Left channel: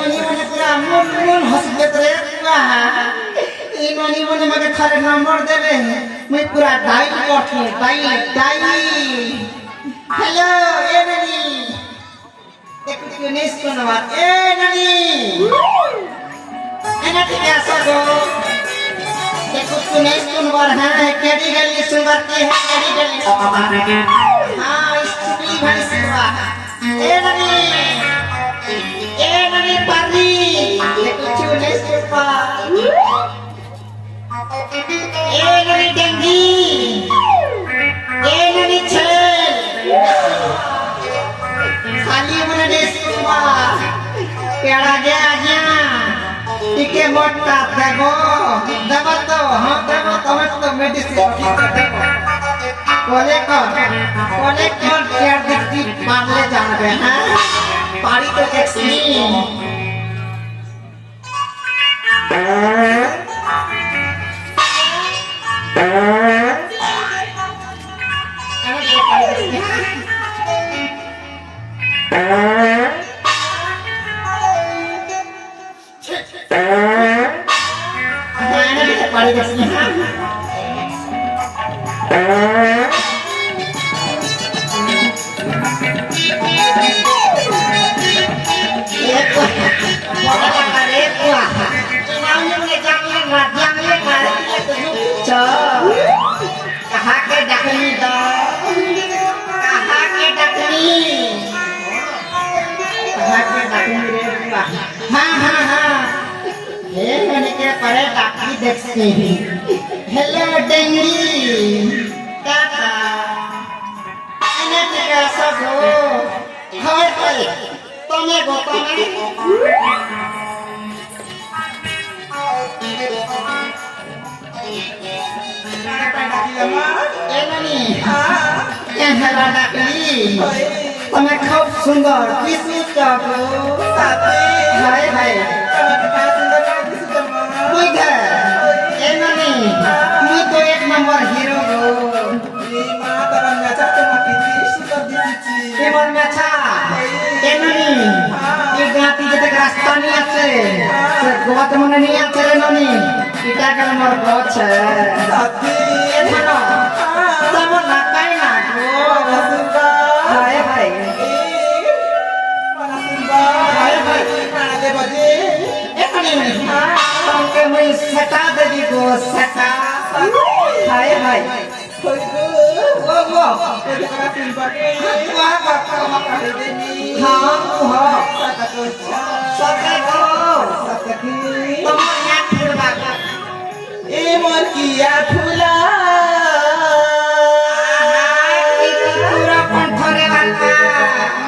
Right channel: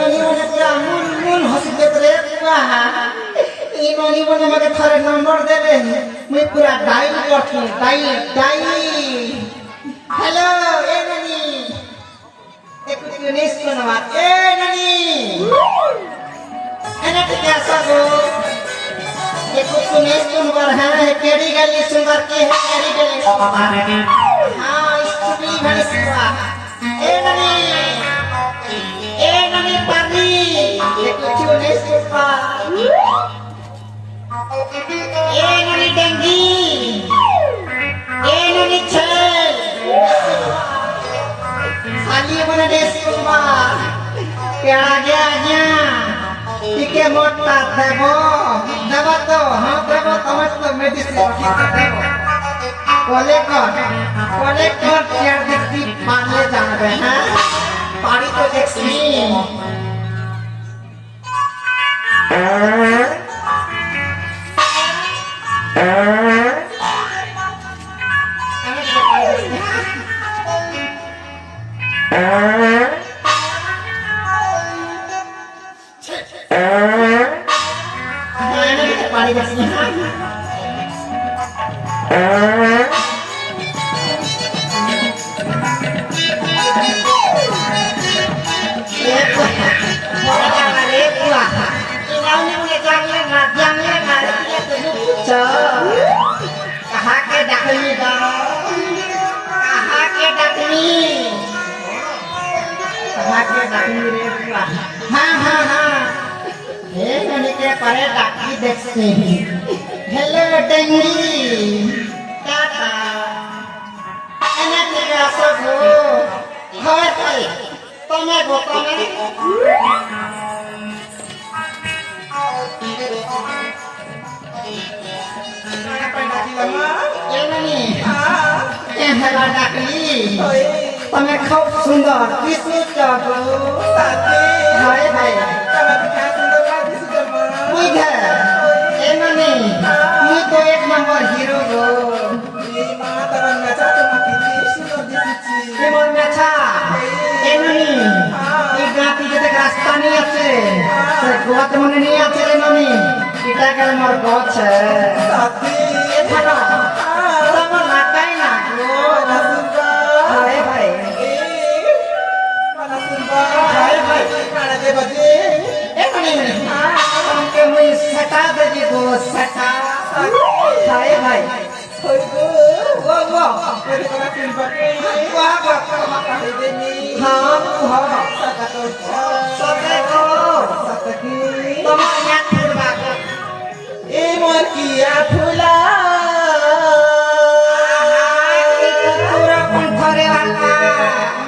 ननी मने पूरा मन मन हंसी देत रे पूरा ई ननी मने मके थारे नंबर देबे मैं पूरा डायल करती डायल हेलो ए ननी एक नेस कोनवा ए ननी एना कैसा हो देखो तूने सुनवर है केडी गली सुनवर की है केडी गली हां स्टूडी भाई सुनवा ए ननी पानी देखो तूने सुनवा ए ननी डंगी ए ननी छल खाली मने सुनवा केड़ा गया টিকে মোটা দেবো দেবো তো হ্যাঁ দেবো তুমি তো মেডিসিন ঠিক দেবো বলে কর চেয়ার দেখি মারলে যাবে হ্যাঁ বাড়ি তো দেখছি कहाँ के डकनी दो कहाँ के डकनी रे बुआ हाँ हे मैंने के करे डकनी देखती हेलो डेंगी टाटा एना के सब हो हाय तुम्हें તમે ખૂબ સુંદર કિસુ ચાકો સાથી ભાઈ ભાઈ તમે કા સુંદર કિસુ ચાકો કોઈ ઘર એનની હું તો એક નંબર હીરો ગો એ મા તરન નાચા ચમકી સુંદર દિસુચી કેમન નાચા એનની એ ગાતી যেতে রাস্তা নি আছে সে গোত মনে নি আছে রে ননি এটা কে মোর গছে সাথী এখানে তোমার লাগাই না গো सटा दे गो सटा हाय भाई कोई को वो तेरे को फिल्म बाटे वाह वाह कर देनी हां हां सटकी तुम या फुलवा ए मोर किया फुला पूरा पंथरे वाला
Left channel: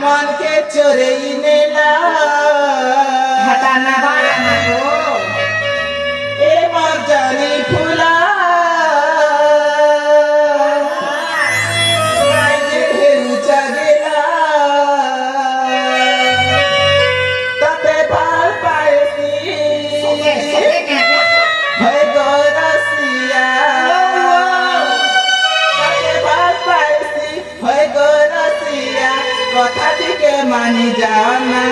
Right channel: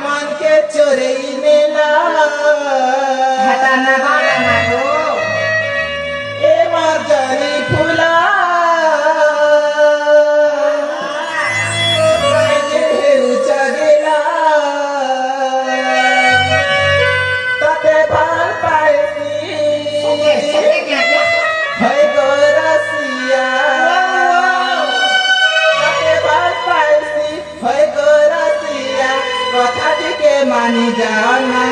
मन के चोरे नेला हटाना वाला ना हो जानी फूला चगेला तते पाल पायती है गोरसिया तते पाल पायती है गोरसिया कथा के मानी जाना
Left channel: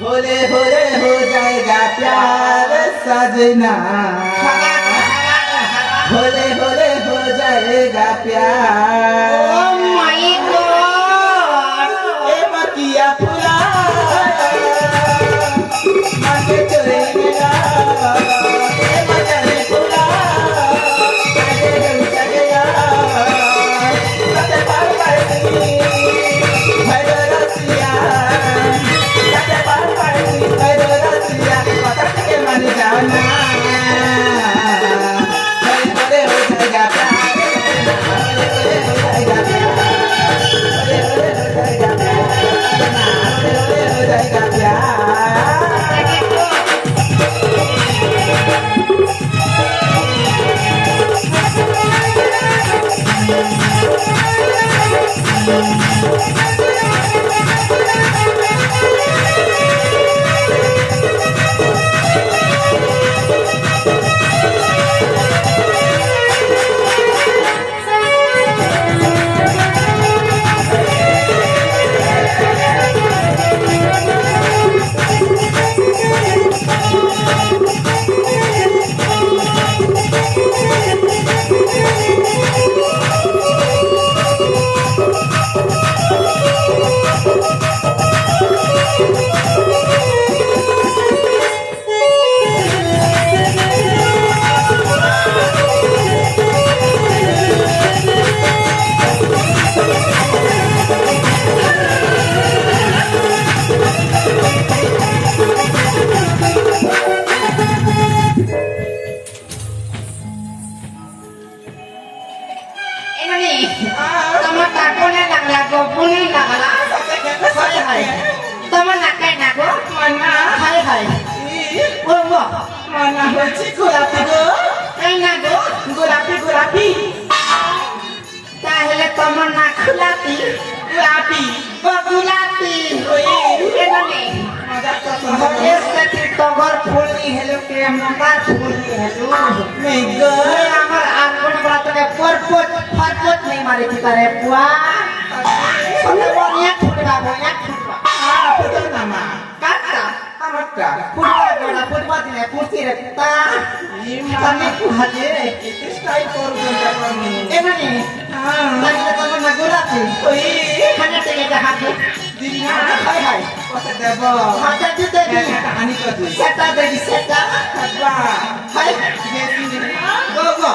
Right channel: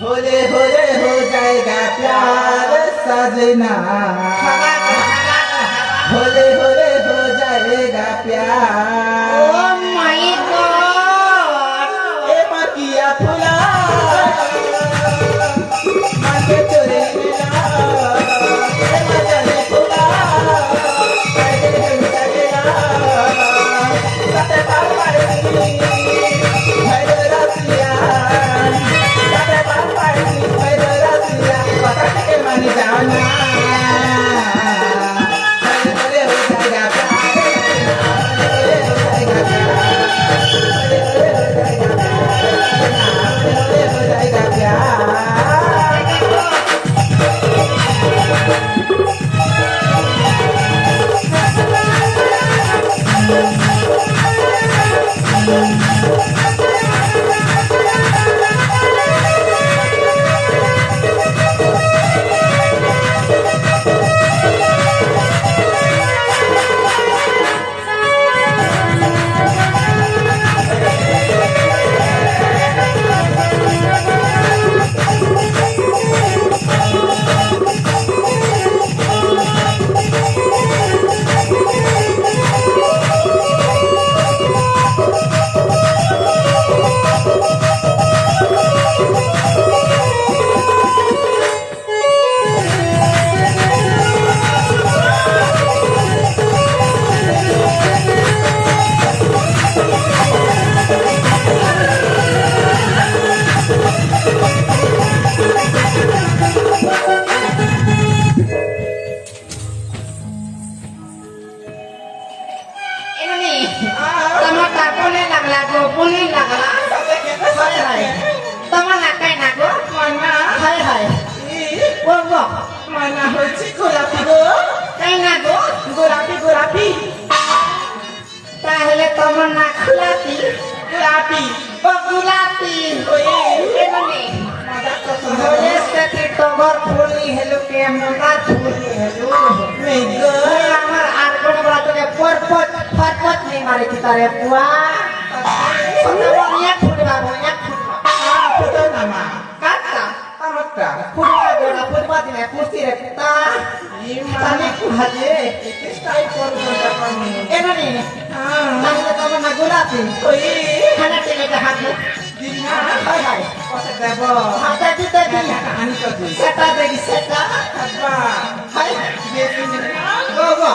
भोले भोले हो जाएगा प्यार सजना भोले भोले हो जाएगा प्यार ओह माय गॉड ए मकिया फुला आके चोरे मेरा ए मजारी फुला काहे हम चलेगा कते पार पाएगी है रसिया कते पार पाएगी है रसिया पता के मन जाना Bye. না হচ্ছে গোলাপি গো তাই না গো গোলাপি গোলাপি তাহলে তোমার না খোলাপি গোলাপি ও গুলাপি ওই এমনি মজা করছো হলে সেটি টগর ফুলনি হেলো কে মঙ্গা ফুলনি হেলো নেই গো আমার আগুন রাতরে পরপত পরপত নেই মারে তারে পুয়া সোনাবনিয়া ফুটবা বনিয়া ফুটবা ফুটো না মা কাটা আমারটা ফুটবা গোড়া ফুটবা দিনে ফুটি রে তা তানে কুহাজে স্টাইল করবো দেখুন এমনি তাহলে তোমার না গোলাপি ওই খানা টেনে দেখাবে দিদি না হাই হাই কথা দেব মাথা দিতে দি আনি তো দিই সেটা দেখি সেটা আব্বা হাই গেছি গো গো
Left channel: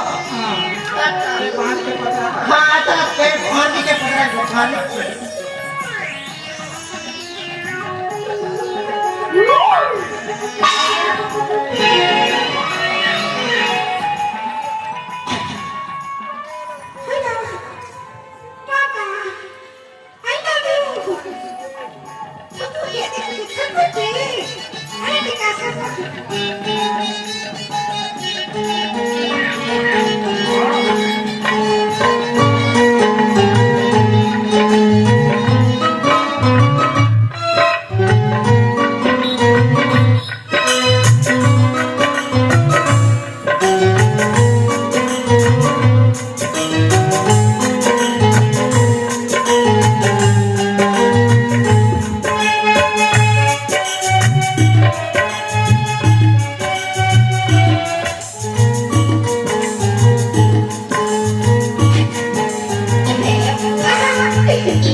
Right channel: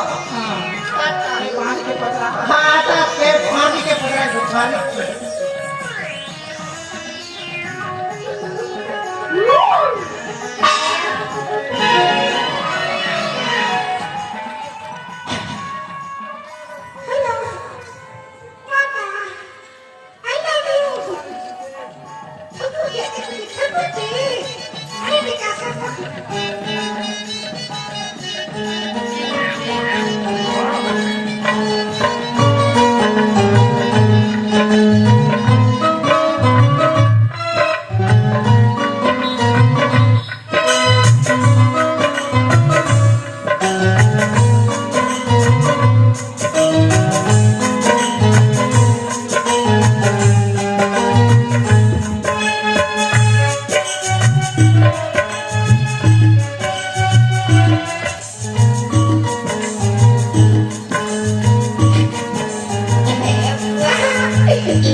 আরে বাঁধতে কথা হাতা কে ফানি কে পড়া গো ফানি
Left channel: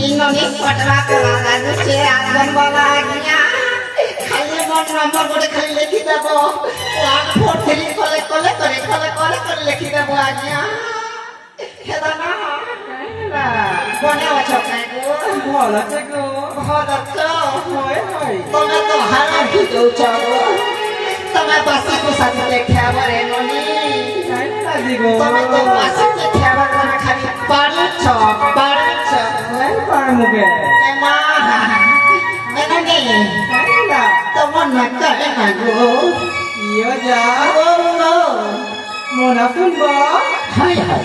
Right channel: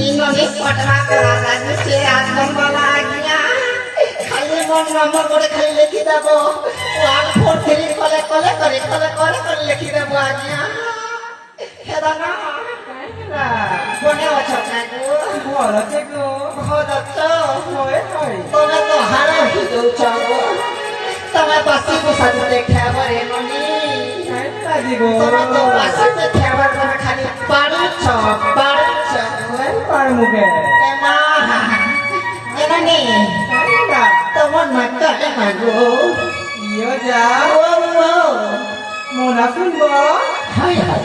ইননি পটরা করা লাগছে আদম বলা গিয়া খালি মন নম্বর করে খালি লিখি দেব 1 4 3 করে লিখি দেব আগিয়া হেদা না মনে আছে কাই গো বলা কে গো ভালো তো হয় হয় তুমি তো হারা হয়ে যাচ্ছ গো তুমি বাসি তো সাথে খাবারে ননি কাইটা দিব তুমি তো বাসি তো খাবার মানে খালি পারুছ হয় পার মুখে না এখানে কাইটা তোমার নাকটা দেখা গো ইয়ে যা ও মনা শুনবো হাই হাই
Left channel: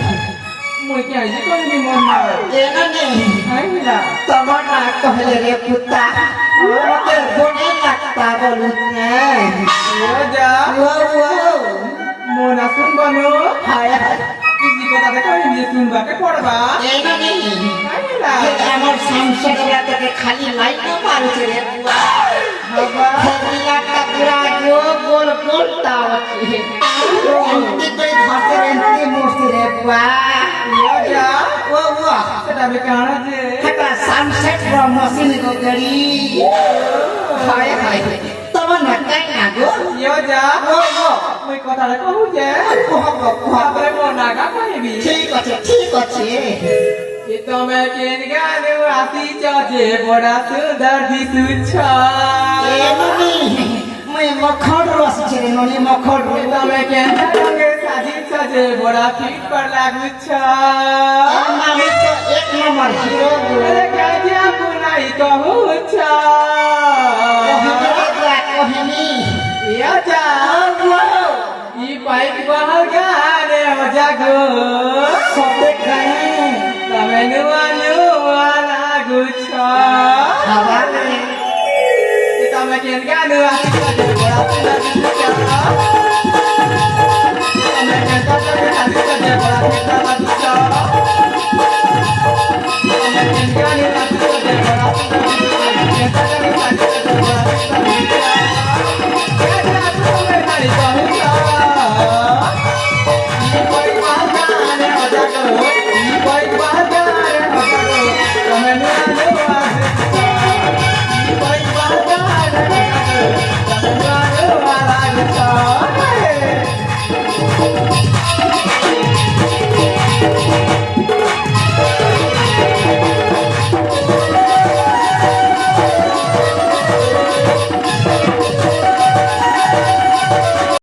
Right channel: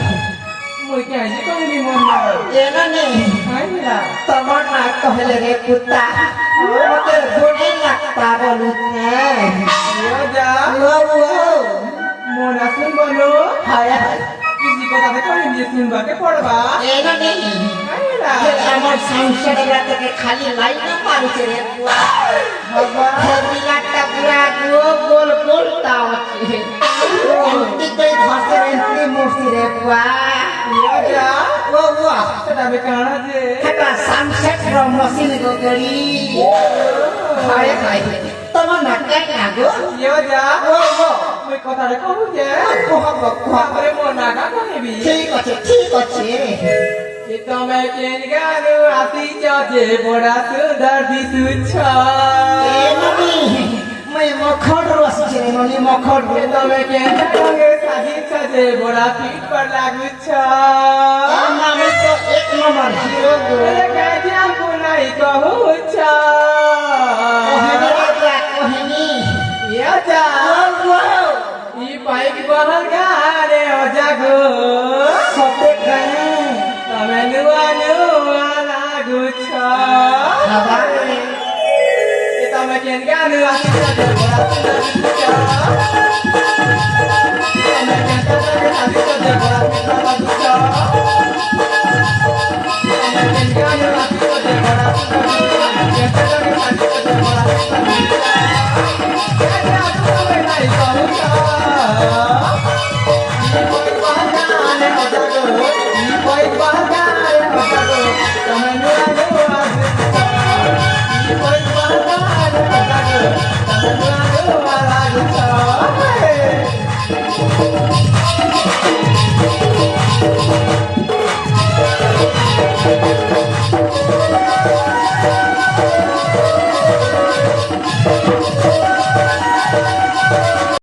মই কে আইছে কমনি মনা এখানে কাইটা তোমার নাক কহলে রে পুতা আমাকে ফোনে নাকটা বলুন না ইয়ে যা ও মনা শুনবো নো হাই হাই কিসি কথা দেখো এমনি শুনবাকে পড়বা এখানে কাইটা আমার সংসারটা থেকে খালি লাইন না পারছে রে পুয়া বাবা একটা পুরা গোল গোল টাওয়ার এন্টি করে ধরতে এন্টি মুস্তি রে পুয়া ইয়ে যা ও বুয়া সেটা আমি কানা যে একটা সানসেট র মশিন গড়ি হায় হায় তোমার নাকাই না গো ইয়ে যা ও ও মই কথা দেখো যে কুহা তারপরে মনা গা কইবি ঠিক আছে તમે કેન ગાનો આસી ચાજે મોડા સુંદર દિસુછ এমনি मैं मखन रस छे ननी मखन તમે કેન ગાનો સાજી ચાજે મોડા ફીટ પર લાଗୁછ আমি তো এক নম্বর হিরো গো ગાજ્યા પુનાઈ કહુછ কোহিনী યા જા ও ઈ પાઈપ બહાર ગારે હો જાગો সতে গায়ে તમે નુઆ નુઆ લાગુછ খাবার તમે કેન ગાનો આસી ચાજે મોડા સુંદર દિસુછ તમે કેન ગાનો આસી ચાજે મોડા ફીટ પર લાગુછ તમે કેન ગાનો આસી ચાજે મોડા સુંદર દિસુછ તમે કેન ગાનો આસી ચાજે મોડા ફીટ પર લાગુછ